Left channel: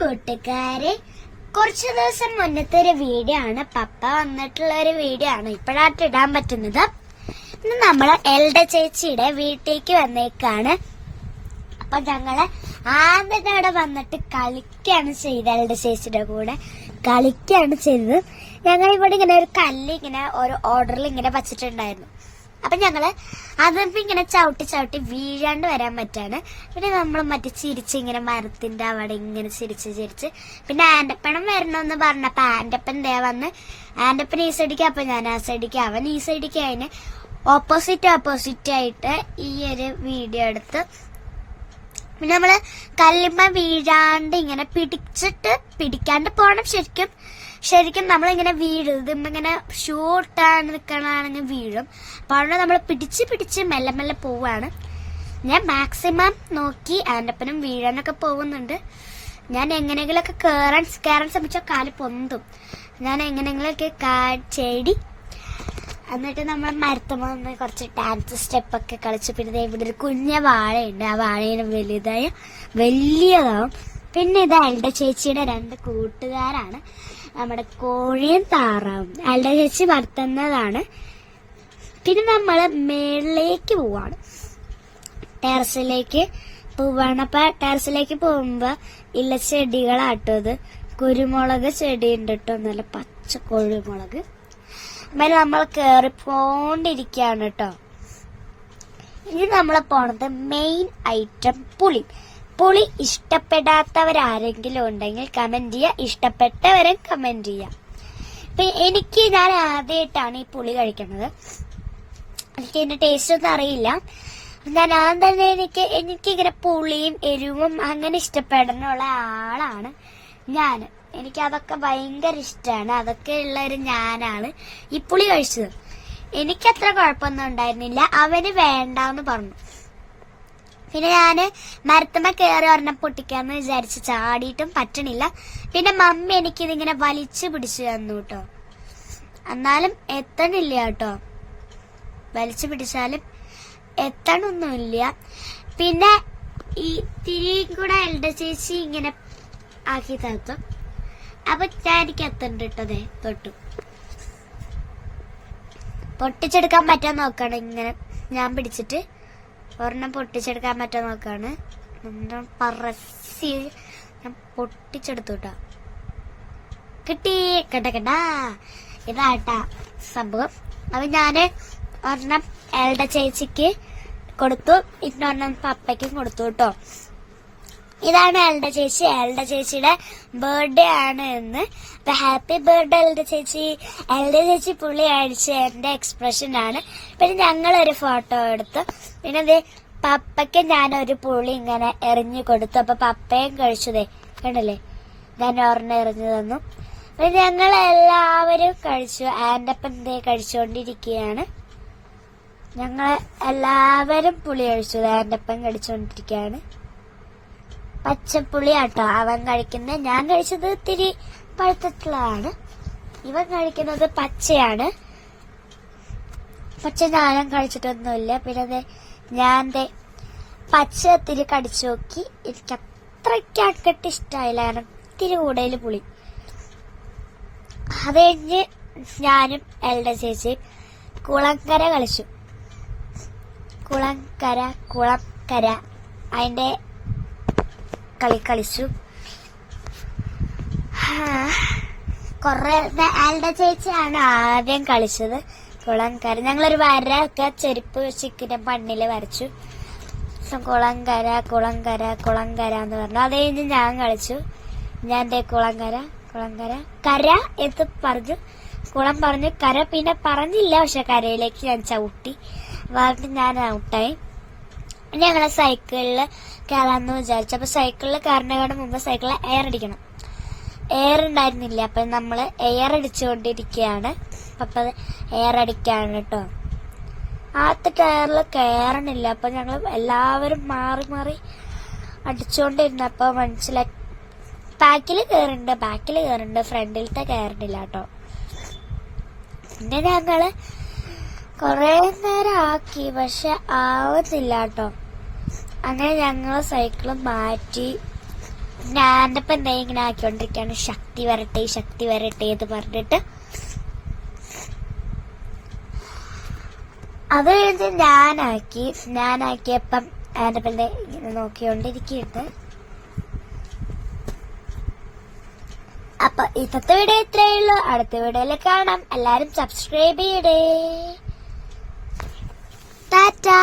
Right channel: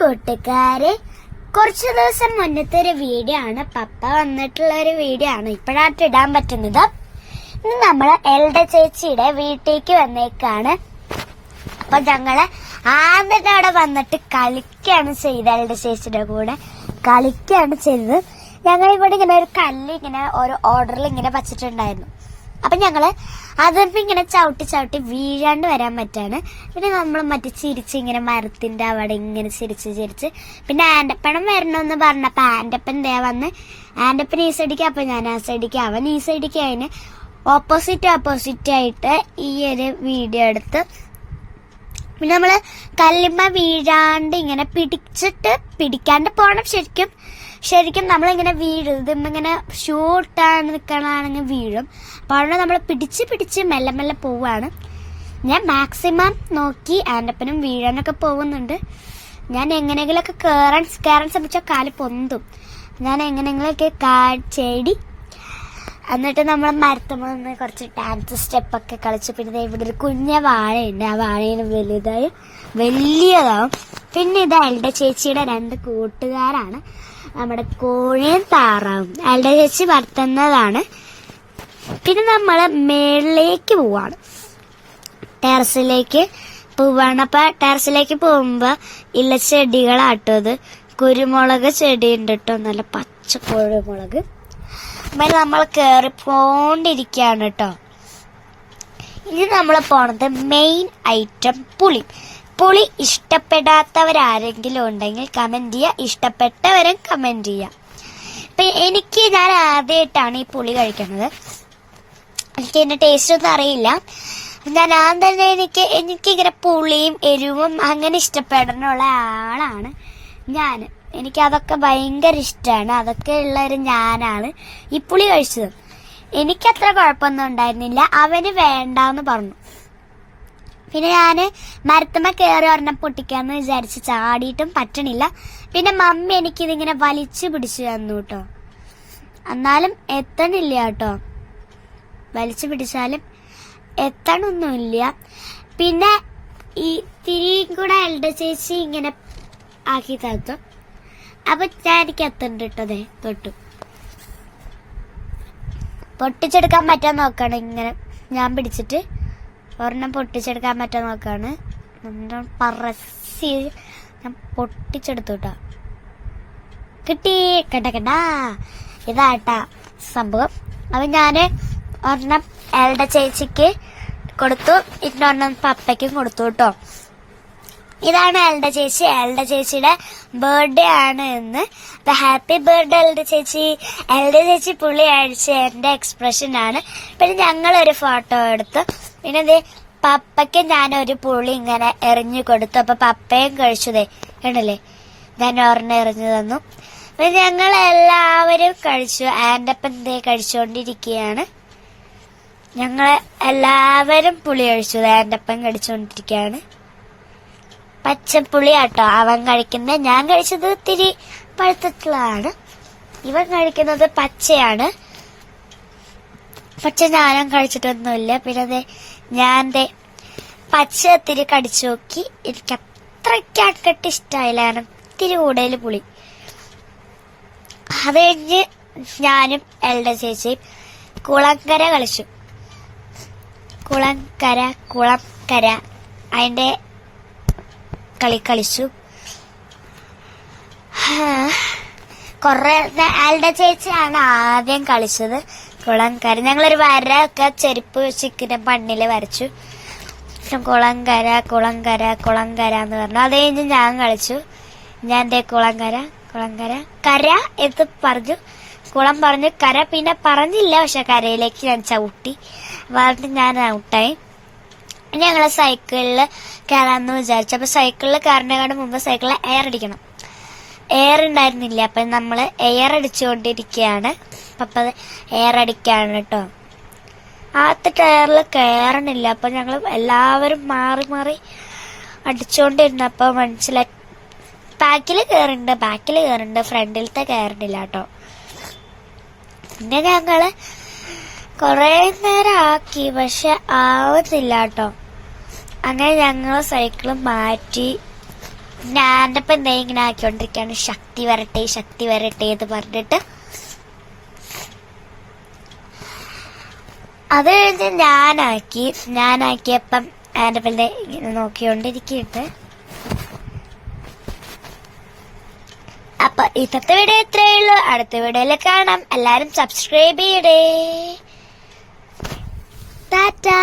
കൂട്ടുകാരെ, കുറച്ചു ദിവസം മുന്നത്തെ ഒരു വീഡിയോ ആണ്. പപ്പ വന്നിട്ടുള്ള ഒരു വീഡിയോ ആണ് ഇപ്പോഴായിട്ട് ഇടാൻ പറ്റുന്നത്. ഇന്ന് നമ്മള് എൽഡ ചേച്ചിയുടെ വീട്ടിലേക്ക് വന്നേക്കാണ്. അപ്പൊ ഞങ്ങള് ആദ്യം അവിടെ വന്നിട്ട് കളിക്കാണ് ചെയ്തത്. എൽഡ ചേച്ചിയുടെ കൂടെ കളിക്കാണ് ചെയ്തത്. ഞങ്ങൾ ഇവിടെ ഇങ്ങനെ ഒരു കല്ല് ഇങ്ങനെ ഓരോ ഓർഡറിൽ ഇങ്ങനെ വച്ചിട്ടുണ്ടായിരുന്നു. അപ്പൊ ഞങ്ങള് അതിപ്പോ ഇങ്ങനെ ചവിട്ടി വീഴാണ്ട് വരാൻ പറ്റാണ്. പിന്നെ നമ്മൾ മറ്റേ ചിരിച്ച് ഇങ്ങനെ മരത്തിന്റെ അവിടെ ഇങ്ങനെ ചിരിച്ച് പിന്നെ ആന്റപ്പണം വരണമെന്ന് പറഞ്ഞപ്പോ ആന്റപ്പൻ ദേ വന്ന് ആന്റപ്പൻ ഈ സൈഡിക്ക്, അപ്പൊ ഞാൻ ആ സൈഡിക്ക്, അവൻ ഈ സൈഡിക്ക്, അതിന് ഓപ്പോസിറ്റ് ആയിട്ട് ഈ ഒരു വീഡിയോ എടുത്ത് പിന്നെ നമ്മള് കല്ലുമ്മ വീഴാണ്ട് ഇങ്ങനെ പിടിക്കാണ്ട് പോണം. ശരിക്കും നമ്മളിങ്ങനെ വീഴും. ഇതിങ്ങനെ ഷൂ ഇട്ടാണ് നിൽക്കണമെങ്കിൽ വീഴും. അപ്പൊ അവിടെ നമ്മൾ പിടിച്ച് മെല്ലെ പോവാണ്. ഞാൻ മാക്സിമം നോക്കി ആന്റപ്പനും വീഴാനൊക്കെ പോകുന്നുണ്ട്. ഞാൻ എങ്ങനെയെങ്കിലൊക്കെ കയറാൻ ശ്രമിച്ച കാല് പൊന്തും. ഞാൻ എങ്ങനെയെങ്കിലൊക്കെ കാച്ചേടി എന്നിട്ട് നമ്മൾ മരത്തുമ്പോൾ കുറച്ച് ഡാൻസ് സ്റ്റെപ്പൊക്കെ കളിച്ചു. പിന്നെ ഇവിടെ ഒരു കുഞ്ഞ വാഴയുണ്ട്. ആ വാഴയിന് വലിയതാവും. പിന്നെ ഇത് എൽഡ ചേച്ചിയുടെ 2 കൂട്ടുകാരാണ്, നമ്മുടെ കോഴിയും താറാവും. എൽഡ ചേച്ചി വളർത്തുന്നതാണ്. പിന്നെ നമ്മള് മേളിലേക്ക് പോവാണ്, ടെറസിലേക്ക് പോവാണ്. അപ്പൊ ടെറസിലേക്ക് പോകുമ്പോ ഇല്ല ചെടികളാട്ടത്, കുരുമുളക് ചെടി ഉണ്ട് കേട്ടോ, നല്ല പച്ച കുരുമുളക്. പിന്നെ നമ്മൾ കേറിപ്പോണ്ടിരിക്കുകയാണ് കേട്ടോ. ഇനി നമ്മൾ പോണത് മെയിൻ ഐറ്റം പുളി ഇഷ്ടപ്പെടാത്തവരാരെങ്കിലും ഉണ്ടെങ്കിൽ കമന്റ് ചെയ്യുക, ഇഷ്ടപ്പെട്ടവരും കമന്റ് ചെയ്യുക. ഞാൻ ആദ്യമായിട്ടാണ് ഈ പുളി കഴിക്കുന്നത്. എനിക്ക് ഇതിന്റെ ടേസ്റ്റ് ഒന്നും അറിയില്ല. ഞാൻ തന്നെ എനിക്കിങ്ങനെ പുളിയും എരിവും അങ്ങനെ ഇഷ്ടപ്പെടാനുള്ള ആളാണ് ഞാൻ. എനിക്ക് അതൊക്കെ ഭയങ്കര ഇഷ്ടമാണ്. അതൊക്കെ ഉള്ളൊരു ഞാനാണ് ഈ പുളി കഴിച്ചത്. എനിക്കത്ര കുഴപ്പമൊന്നും ഉണ്ടായിരുന്നില്ല. അവന് വേണ്ടാന്ന് പറഞ്ഞു. പിന്നെ ഞാന് മരത്തുമ്മ കയറി ഒരെണ്ണം പൊട്ടിക്കാന്ന് വിചാരിച്ച് ചാടിയിട്ടും പറ്റണില്ല. പിന്നെ മമ്മി എനിക്കിതിങ്ങനെ വലിച്ചു പിടിച്ചു തന്നു കേട്ടോ. എന്നാലും എത്തണില്ല കേട്ടോ. വലിച്ചു പിടിച്ചാലും എത്തണൊന്നുമില്ല. പിന്നെ ഈ തിരിയും കൂടെ എൽഡ ചേച്ചി ഇങ്ങനെ ആക്കി തന്നു. അപ്പൊ എനിക്ക് എത്തണ്ട കേട്ടതേ തൊട്ടു. പൊട്ടിച്ചെടുക്കാൻ പറ്റാൻ നോക്കണം. ഇങ്ങനെ ഞാൻ പിടിച്ചിട്ട് ഒരെണ്ണം പൊട്ടിച്ചെടുക്കാൻ പറ്റാൻ നോക്കാണ്. ഞാൻ പൊട്ടിച്ചെടുത്തു കേട്ടോ. കിട്ടി കേട്ടാ. ഇതാട്ടാ സംഭവം. അപ്പൊ ഞാന് ഒരെണ്ണം എൽഡ ചേച്ചിക്ക് കൊടുത്തു, ഇന്നൊരെണ്ണം പപ്പയ്ക്കും കൊടുത്തു കേട്ടോ. ഇതാണ് എൽഡ ചേച്ചി. എൽഡ ചേച്ചിയുടെ ബർത്ത്ഡേ ആണ് ഇന്ന്. ഹാപ്പി ബർത്ത്ഡേ എൽഡ ചേച്ചി. എൽഡ ചേച്ചി പുളി അഴിച്ച എന്റെ എക്സ്പ്രഷൻ ആണ്. പിന്നെ ഞങ്ങളൊരു ഫോട്ടോ എടുത്തു. പിന്നെ പപ്പയ്ക്ക് ഞാനൊരു പുളി ഇങ്ങനെ എറിഞ്ഞു കൊടുത്തു. അപ്പൊ പപ്പയും കഴിച്ചതേ കണ്ടല്ലേ, ഞാൻ ഒരെണ്ണം എറിഞ്ഞു തന്നു. പിന്നെ ഞങ്ങൾ എല്ലാവരും കഴിച്ചു. ആന്റപ്പൻ കഴിച്ചുകൊണ്ടിരിക്കുകയാണ്. ഞങ്ങൾ എല്ലാവരും പുളി കഴിച്ചു. ആന്റപ്പൻ കഴിച്ചുകൊണ്ടിരിക്കുകയാണ്. പച്ചപ്പുളി ആട്ടോ അവൻ കഴിക്കുന്നത്. ഞാൻ കഴിച്ചത് ഇത്തിരി പഴുത്തിട്ടുള്ളതാണ്. ഇവൻ കഴിക്കുന്നത് പച്ചയാണ്. പച്ച ഞാനും കഴിച്ചിട്ടൊന്നുമില്ല. പിന്നെ ഞാൻ പച്ച ഇത്തിരി കടിച്ചു നോക്കി. എനിക്ക് അത്രയ്ക്ക് ഇഷ്ടമായില്ല, കാരണം ഇത്തിരി കൂടുതൽ പുളി. അത് കഴിഞ്ഞ് ഞാനും എൽഡ ചേച്ചിയും കുളങ്കര കളിച്ചു. കുളംകര അതിന്റെ കളിച്ചു. എൽഡ ചേച്ചിയാണ് ആദ്യം കളിച്ചത് കുളംകര. ഞങ്ങളൊരു വര ഒക്കെ ചെരുപ്പ് ചിക്കിന്റെ മണ്ണില് വരച്ചു. കുളംകര എന്ന് പറഞ്ഞു. അത് കഴിഞ്ഞ് ഞാൻ കളിച്ചു. ഞാൻ കുളംകര കര എന്ന് പറഞ്ഞു. കുളം പറഞ്ഞു, കര പിന്നെ പറഞ്ഞില്ല. പക്ഷെ കരയിലേക്ക് ഞാൻ ചവിട്ടി പറഞ്ഞിട്ട് ഞാൻ ഔട്ടായി. ഞങ്ങള് സൈക്കിളില് കയറാന്ന് വിചാരിച്ചു. അപ്പൊ സൈക്കിളിൽ കയറുന്നതിന് മുമ്പ് സൈക്കിളിൽ എയർ അടിക്കണം. എയർ ഉണ്ടായിരുന്നില്ല. അപ്പൊ നമ്മള് എയർ അടിച്ചുകൊണ്ടിരിക്കുകയാണ്. അപ്പൊ എയർ അടിക്കാണ് കേട്ടോ. ആദ്യത്തെ ടയറിൽ കയറണില്ല. അപ്പൊ ഞങ്ങൾ എല്ലാവരും മാറി അടിച്ചുകൊണ്ടിരുന്നപ്പോ മനസ്സിലായി ബാക്കിൽ കയറുന്നുണ്ട്, ഫ്രണ്ടിലത്തെ കയറണില്ല കേട്ടോ. പിന്നെ ഞങ്ങള് കൊറേ നേരം ആക്കി, പക്ഷെ ആവുന്നില്ല കേട്ടോ. അങ്ങനെ ഞങ്ങൾ സൈക്കിള് മാറ്റി ഞാൻ ഇപ്പൊ എന്താ ഇങ്ങനെ ആക്കിക്കൊണ്ടിരിക്കുകയാണ്. ശക്തി വരട്ടെ ശക്തി വരട്ടെ എന്ന് പറഞ്ഞിട്ട്. അത് കഴിഞ്ഞ് ഞാനാക്കിയപ്പം എൻ്റെ പിന്നെ ഇങ്ങനെ നോക്കിക്കൊണ്ടിരിക്കുന്നുണ്ട്. അപ്പൊ ഇന്നത്തെ വീഡിയോ ഇത്രയേ ഉള്ളൂ. അടുത്ത വീഡിയോയിൽ കാണാം. എല്ലാരും സബ്സ്ക്രൈബ് ചെയ്യണേ. ടാറ്റാ.